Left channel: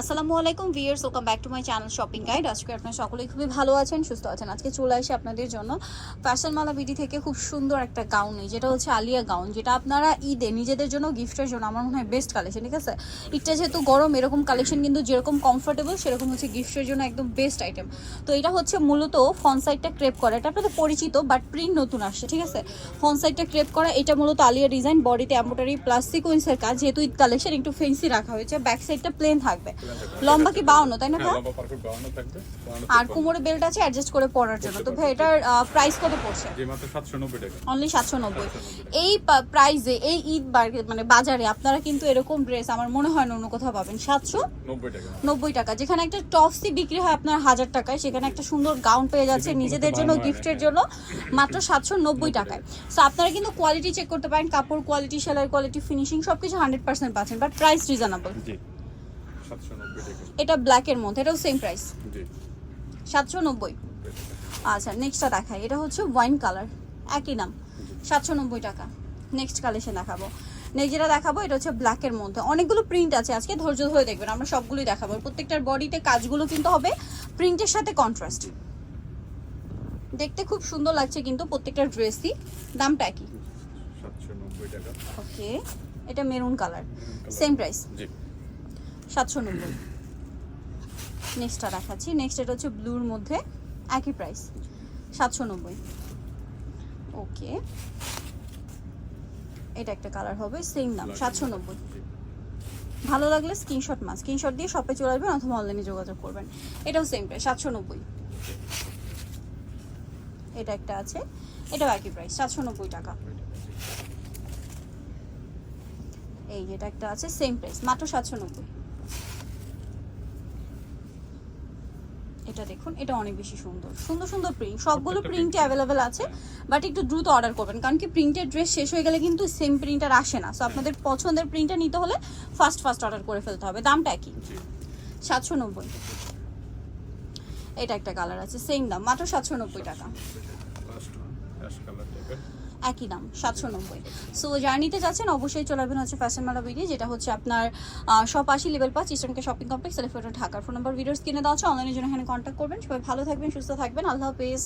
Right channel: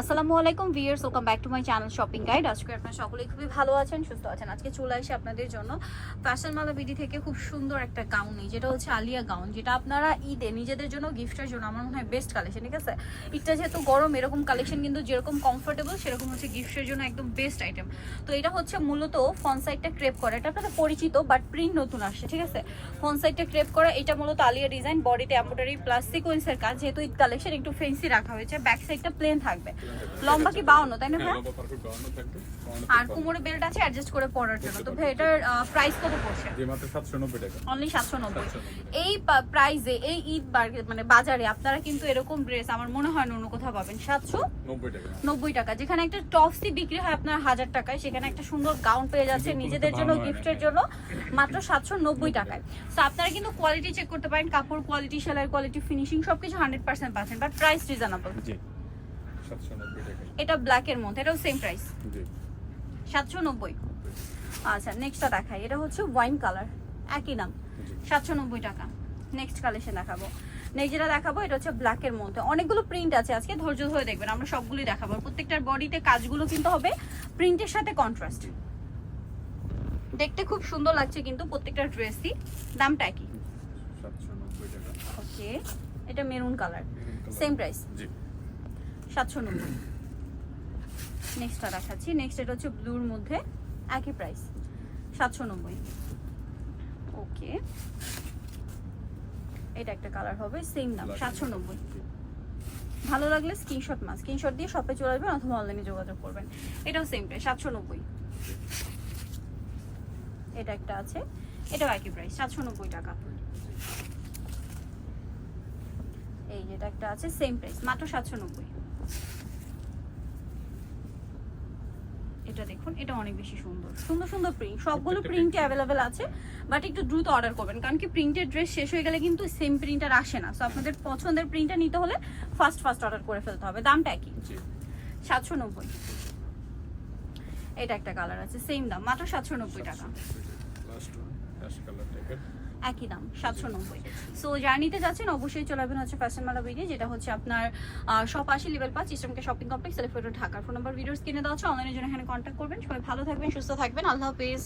আসসালামু আলাইকুম viewers welcome back to my channel shopping guide. আজকে আপনারা সকলে খুবই ভালো আছেন, সুস্থ আছেন। আজকে চলে আসি আপনাদের জন্য ফ্যাশন মালা বিডি থেকে খুব সুন্দর একটা গাউন নিই যেটা হচ্ছে আলিয়া গাউন যেটা আপনারা ঈদে নিজেদের জন্য গিফটের জন্য, আমার মনে হয় বেস্ট কালেকশন ঠিক আছে? ঈদটা যেহেতু গরম, এরকম কালেকশন কিন্তু যেরকম কমফোর্টেবল সেরকম হচ্ছে গিফটের জন্য একদম বেস্ট আইটেম তো এটা হচ্ছে মূলত ফন সাইডটা ক্রেপ করা, এটা আপনাদের পরিচিত বাট প্রিন্ট নতুন আসছে, ঠিক আছে? ফন সাইডটা ক্রেপ করা, এটা মূলত আলিয়া ডিজাইন বডিতে এম্বোটারি প্লাস সিকোয়েন্সের কাজ, যেহেতু ঈদ কালেকশন একটু ফেন্সি রাখা হয়েছে ব্যাক সাইডটা প্লেন থাকবে। লম্বা কি বাউন্ন তাই না হ্যাঁ লম্বা পারফেক্ট বাউন্ন থাকবে আর কোমরে বেল্ট আছে অ্যাডজাস্ট করে পরার জন্য। তো ভাই এটার প্রাইস কত পড়ছে? যে মাত্র সাতশো নব্বই টাকা। অনলি সাতশো নব্বই। 790 এই প্রাইসে এই ঈদ মানে বাজারে আপনারা কিন্তু এরকম ড্রেস আমার মনে হয় না অন্য কোথাও পাবেন সাতশো নব্বই টাকা। নব্বই টাকা। যেখানে একটা টপসি বিক্রি হয় আপনার হাজার টাকায় সেখানে একটা সুন্দর গাউন পেয়ে যাচ্ছে নিজেদের জন্য গিফটের হ্যাঁ। জন্য মাত্র সাতশো নব্বই টাকায়। সো আপনারা কিন্তু কোয়ালিটি চেক করতে পারেন কাপড় কোয়ালিটি সেলাই কোয়ালিটি ফিনিশিং সবকিছু হান্ড্রেড পার্সেন্ট পাচ্ছেন বাট প্রাইস রিজনেবল জি। এটা ব্ল্যাকের মধ্যে এটাও সেম প্রাইস জি। সাতশো নব্বই। আচ্ছা নেক্সটটা দেখাই। এটা হচ্ছে ওয়াইন কালার একই নাম। জি। সাতশো নব্বই টাকা। নেক্সট কালেকশন দেখাবো। নেক্সট যেটা দেখাবো এটা হচ্ছে ব্ল্যাকের মধ্যে। অনেকগুলো প্রিন্ট আছে আজকে ধৈর্য ধরে দেখবেন আমরা সবগুলোই দেখাবো। প্রত্যেকটার বডিতে কাজগুলো কিন্তু হবে প্রিন্টের সাথে কন্ট্রাস্ট দেখতে খুব সুন্দর লাগছে কিন্তু প্রত্যেকটা ড্রেসই দামটা একই। সাতশো নব্বই টাকা। ওকে এটা মেরুন কালার সেম প্রাইস জি। সাতশো নব্বই। নেক্সটটা দেখাচ্ছি। নেক্সট এটা হচ্ছে ব্লুর মধ্যে একই প্রাইস সাতশো নব্বই। ওকে এটা একটা কালার হবে সেম দাম সাতশো নব্বই। ভালো লাগলে স্ক্রিনশট মাস স্ক্রিনশট দিয়ে শপে চলে আসবেন অথবা অনলাইনে যোগাযোগ করবেন। এটাও সেম প্রাইস সাতশো নব্বই। এটা একটা আছে এটাও একই প্রাইস সাতশো নব্বই টাকা। এই যেটা একটা আছে সেম প্রাইস মাত্র সাতশো নব্বই। এটা দেখুন এটা অনেক বেশি সুন্দর। সুন্দর সুন্দর প্রিন্ট সবগুলো প্রত্যেকটা প্রিন্ট অ্যাভেলেবেল আছে বাট একটু দ্রুত অর্ডার করবেন কারণ কি প্রিন্টের ড্রেস শেষ হয়ে গেলে কিন্তু সেম প্রিন্টার আসে না। সো আপনাদের পছন্দের প্রিন্টার নিতে হলে ফার্স্ট ফার্স্ট অর্ডার করে ফেলতে হবে। দামটা একই। সাতশো নব্বই এটা একটা কালার আছে সেম দাম মাত্র সাতশো নব্বই টাকা। একই দাম, সাতশো নব্বই। সো জার্নিতে যাচ্ছেন, অবশ্যই চলে আসবেন হচ্ছে ফ্যাশন মালা বিডি যেটা হচ্ছে আপনার শপ আশি লেভেল পাঁচ ইস্টার্নকে শপিং কমপ্লেক্স এলিফেন্ট ঢাকার ফোন নাম্বার ভিডিওস কিনে দেওয়া হচ্ছে অনলাইনের জন্য এখানে কন্ট্যাক্ট করবেন। সবাই ভালো থাকবেন, সুস্থ থাকবেন, আল্লাহ হাফেজ।